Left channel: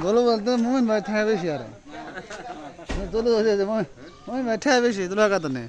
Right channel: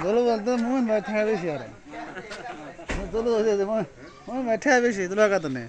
দোলো বলতে মোহন ভাই ঠায় বেশি আরে দোলো আছে মোহন ভাই ঠায় বেশি তোলা কাত নেই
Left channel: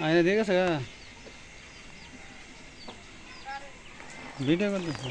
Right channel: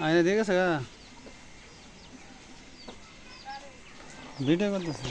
আয়না ঠিক আছে গা? ভিডিও করতেছি